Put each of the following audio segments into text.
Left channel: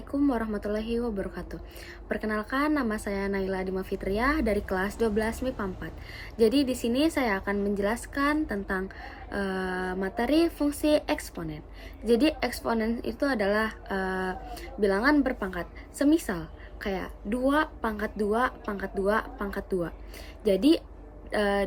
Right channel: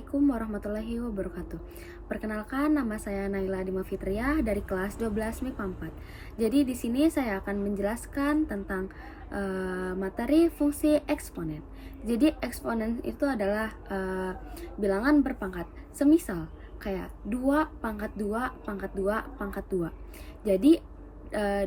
Assalamualaikum warahmatullahi wabarakatuh. Perkenalkan, nama saya Naila Dima Fitriah dari kelas 12 MIPA 4. Jadi di sini saya akan menjelaskan tentang materi fungsi eksponen. Jadi eksponen itu adalah bilangan berpangkat. Semisal kayak 2 pangkat 2 pangkat 2 pangkat 2. Jadi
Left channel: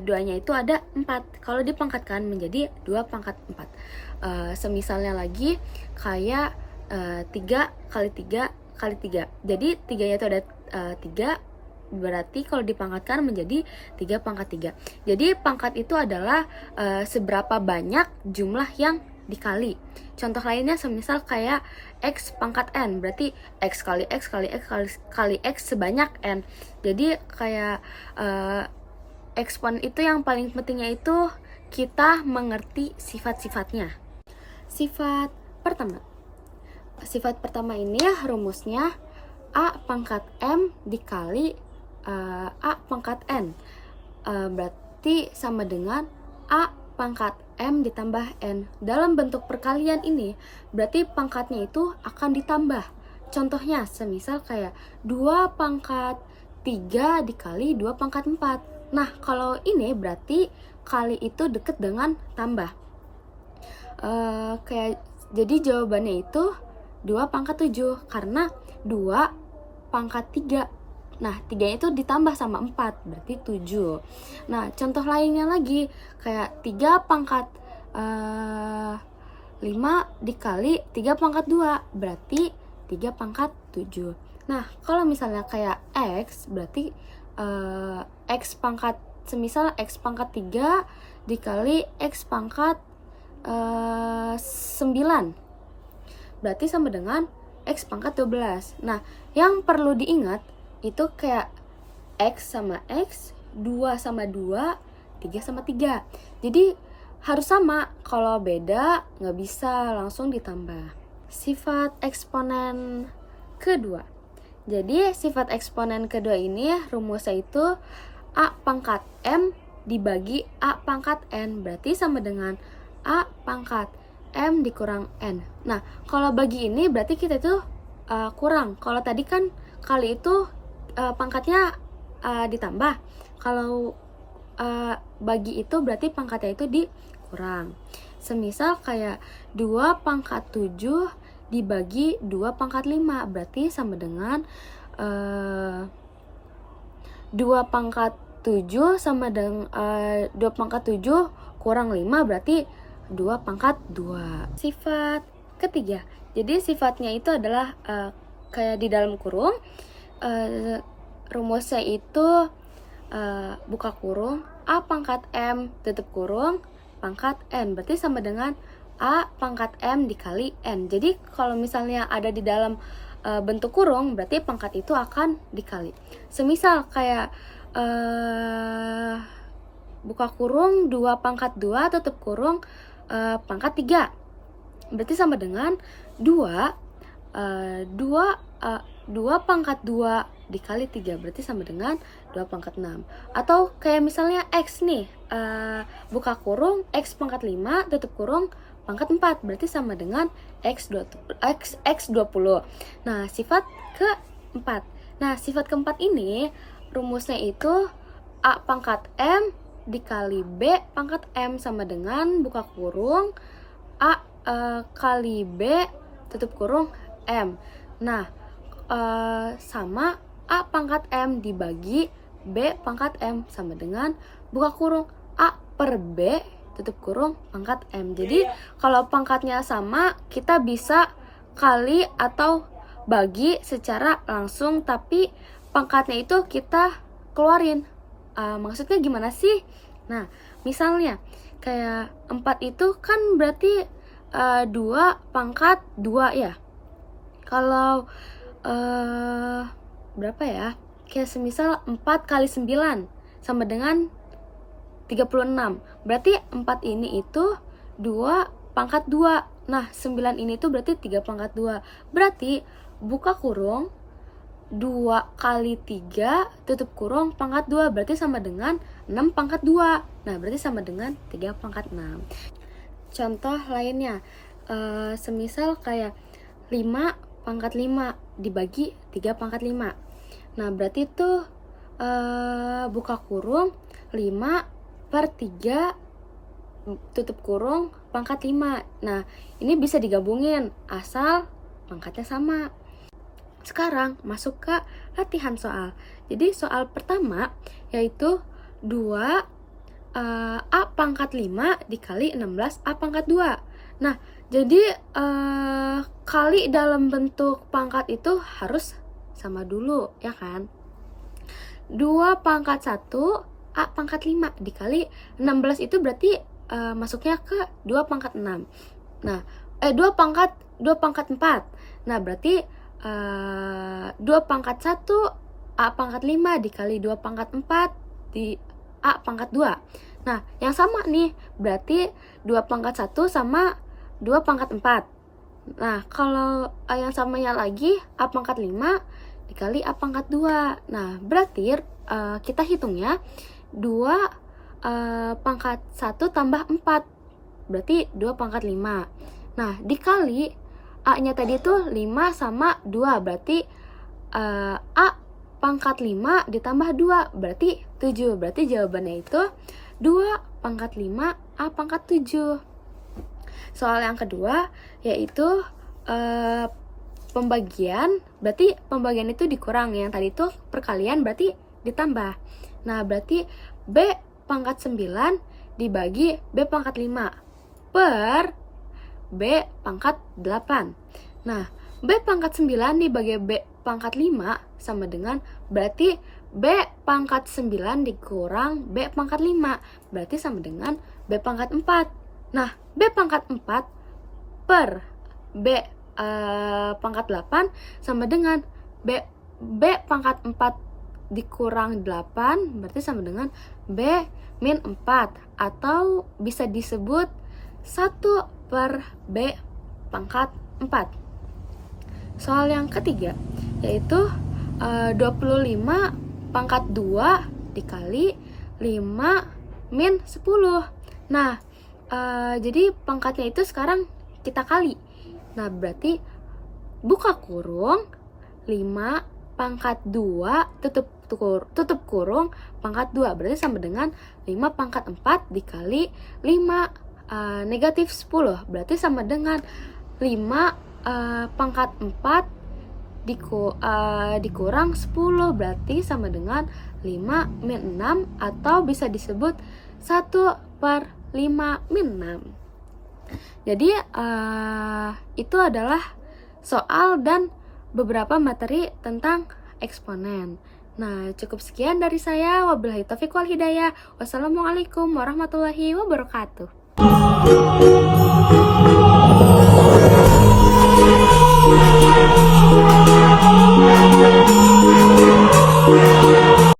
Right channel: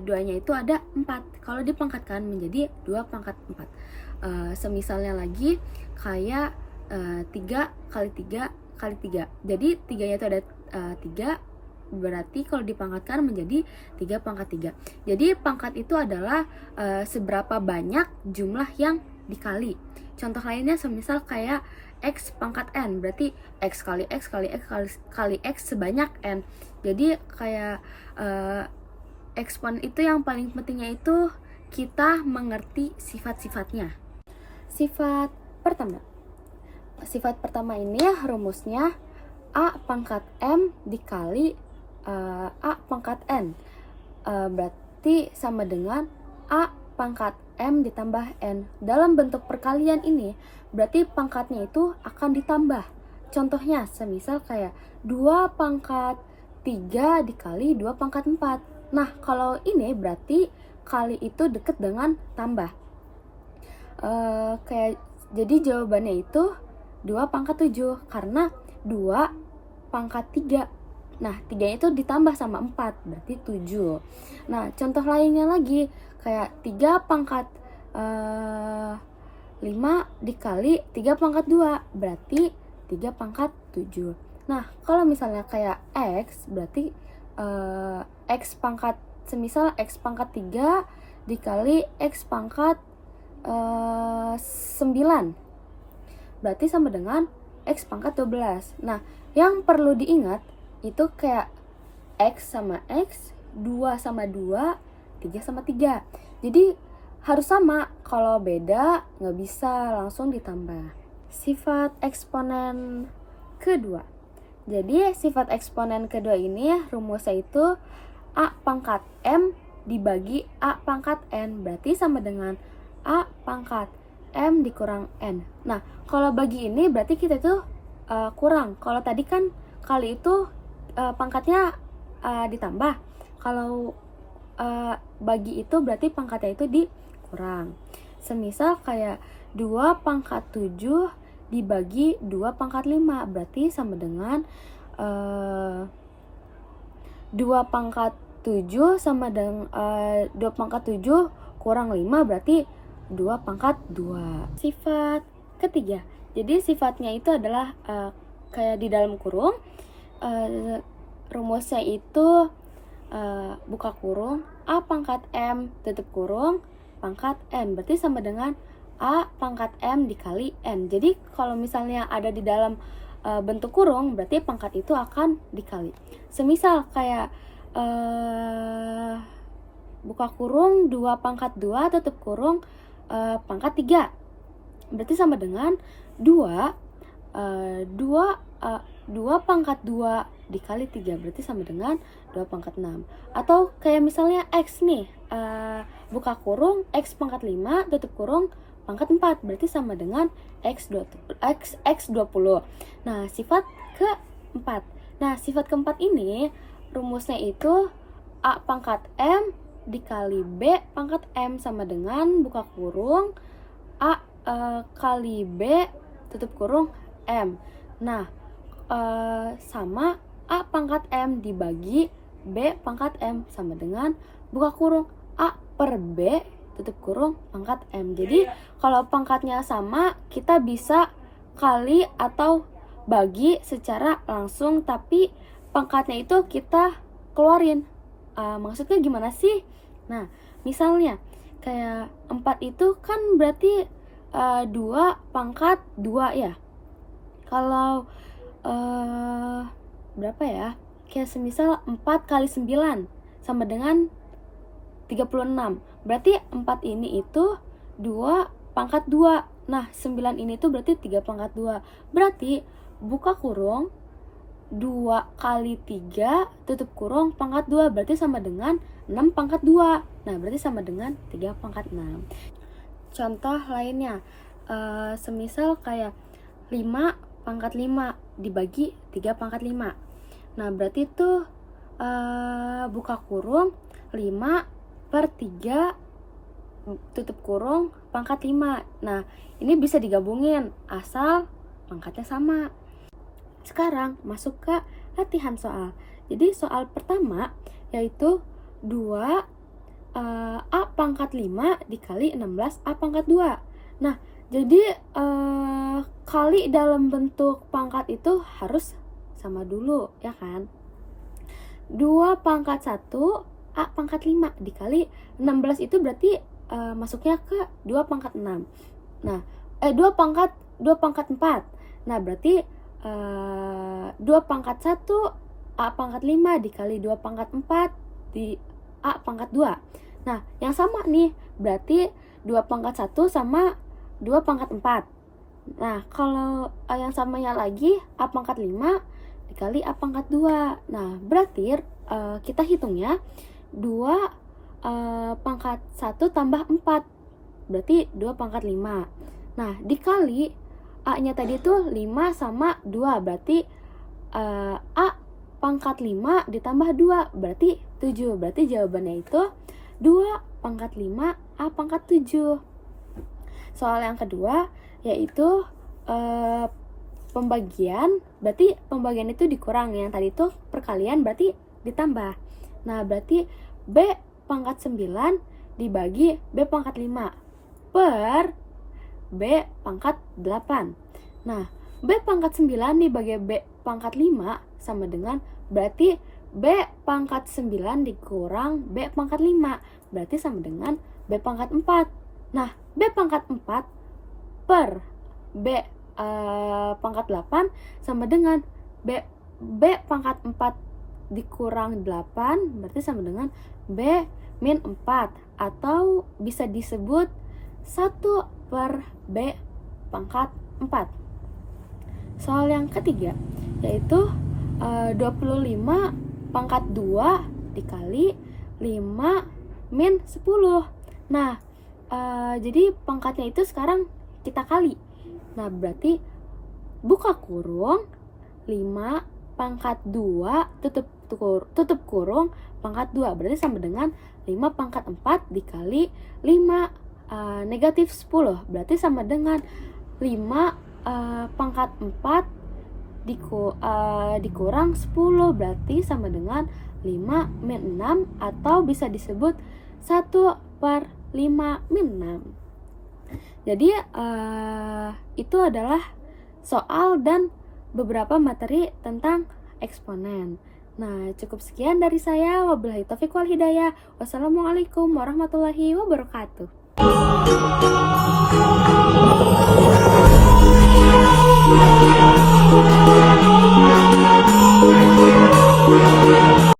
duanya itu ada 4. Kalau dipangkatkan menjadi 2 pangkat 4. Semisalnya lagi kayak 3 kali 3 kali 3. Jadi 3-nya itu ada 3, berarti kalau dipangkatkan menjadi 3 pangkat 3. Jadi pangkat itu adalah seberapa banyak jumlah yang dikali. Contoh lainnya semisal kayak X pangkat N, berarti X kali X kali X kali X sebanyak N. Jadi kayak eksponen itu yang paling pentingnya itu kita mengerti sifat-sifatnya. Sifat pertama ini rumusnya A pangkat M dikali A pangkat N, berarti sama dengan A pangkat M ditambah N. Dalam bentuk perkalian ini berarti pangkatnya itu akan ditambah. Contohnya semisal kayak 2 pangkat 3 dikali 2 pangkat 4. Nah kalau ini berarti kali itu deket dengan tambah. Jadi jawabannya itu 2 pangkat 7 karena 2 pangkat 3. Nah 3 itu ditambah sama 4 berarti 7. Nah contoh lainnya lagi kayak 3 pangkat 5 dikali 3 pangkat 2 berarti 3 pangkat 7. Nah kalau misalnya kayak X berarti X pangkat, semisal X pangkat 3 dikali X pangkat 9 berarti sama dengan X pangkat 12. Nah, yang perlu diingat itu kayak X sama X, 2 sama 2, 3 sama 3. Jadi harus sama, kalau beda nggak bisa langsung ditambah. Sifat eksponen kedua. Jadi sifat eksponen kedua ini rumusnya itu A pangkat M dibagi A pangkat N, berarti sama dengan A pangkat M dikurang N. Nah, kalau bagi ini berarti kita itu kurang. Kalau tadi kan kali itu pangkatnya ditambah. Kalau bagi itu berarti pangkatnya itu dikurang. Semisal kayak 2 pangkat 7 dibagi 2 pangkat 5, berarti sama dengan 2 pangkat 7 sama dengan 2 pangkat 7 kurang 5 berarti 2 pangkat 2. Sifat ketiga. Jadi sifatnya itu adalah kayak di dalam kurung. Rumusnya itu buka kurung A pangkat M tutup kurung pangkat N, berarti sama dengan A pangkat M dikali N. Jadi kalau misalnya ada di dalam bentuk kurung berarti pangkat itu akan dikali. Semisal kayak buka kurung 2 pangkat 2 tutup kurung pangkat 3, berarti sama dengan 2 pangkat 2 dikali 3, berarti sama dengan 2 pangkat 6. Atau kayak misalnya X nih, buka kurung X pangkat 5 tutup kurung pangkat 4, berarti sama dengan X 20. Nah sifat keempat. Nah sifat keempat ini rumusnya itu A pangkat M dikali B pangkat M sama dengan buka kurung A kali B tutup kurung M. Nah sama A pangkat M dibagi B pangkat M sama dengan buka kurung A per B tutup kurung pangkat M. Jadi kalau pangkatnya sama kita bisa kali atau bagi secara langsung, tapi pangkatnya itu kita keluarin. Maksudnya gimana sih? Nah, misalnya kayak 4 itu kan berarti 2 pangkat 2 ya. Kalau berapa ya? Kayak semisal 4 kali 9 sama dengan 36. Berarti 4 ini itu 2 pangkat 2. Nah, 9 ini tuh berarti 3 pangkat 2. Berarti buka kurung 2 kali 3 tutup kurung pangkat 2, berarti sama dengan 6 pangkat 2. Nah berarti sama dengan 3 pangkat 6. Contoh lainnya semisal kayak 5 pangkat 5 dibagi 3 pangkat 5. Nah, berarti itu buka kurung 5 per 3 tutup kurung pangkat 5. Nah, ini bisa digabungin asal pangkatnya sama. Sekarang masuk ke latihan soal. Jadi soal pertama yaitu 2 A pangkat 5 dikali 16 A pangkat 2. Nah, jadi kali dalam bentuk pangkat itu harus sama dulu, ya kan? 2 pangkat 1 A pangkat 5 dikali 16 itu berarti masuknya ke 2 pangkat 6. Nah, 2 pangkat 4. Nah, berarti 2 pangkat 1 A pangkat 5 dikali 2 pangkat 4 di A pangkat 2. Nah, yang sama nih, berarti 2 pangkat 1 sama 2 pangkat 4. Nah, kalau yang samanya lagi A pangkat 5 dikali A pangkat 2. Nah, berarti kita hitungnya 2 pangkat 1 tambah 4. Berarti 2 pangkat 5. Nah, dikali A-nya tadi itu 5 sama 2. Berarti A pangkat 5 ditambah 2. Berarti 7. Berarti jawabannya itu 2 pangkat 5 A pangkat 7. Soal yang kedua yaitu pembagian. Berarti pembagian itu dikurang. Yang tadi itu perkalian berarti ditambah. Nah, berarti B pangkat 9 dibagi B pangkat 5 per B pangkat 8. Nah, B pangkat 9 dibagi B pangkat 5 sama dengan berarti B pangkat 9 dikurang B pangkat 5. Berarti sama dengan B pangkat 4. Nah, B pangkat 4 per B pangkat 8 sama dengan B pangkat 4 dikurang 8 berarti sama dengan B min 4 atau bisa disebut 1 per B pangkat 4. Soal yang ketiga yaitu 25 pangkat 2 dikali 5 min 10. Nah, jadi pangkatnya itu sekarang kita kali. Nah, berarti buka kurung 5 pangkat 2 tutup kurung pangkat 2 berarti sama dengan 5 pangkat 4 dikali 5 negatif 10 berarti sama dengan 5 pangkat 4 dikurang 10 berarti sama dengan 5 min 6 atau bisa disebut 1 per 5 min 6. Jadi itu adalah soal dan beberapa materi tentang eksponen. Nah, cukup sekian dari saya. Wabillahi taufiq wal hidayah. Wassalamualaikum warahmatullahi wabarakatuh.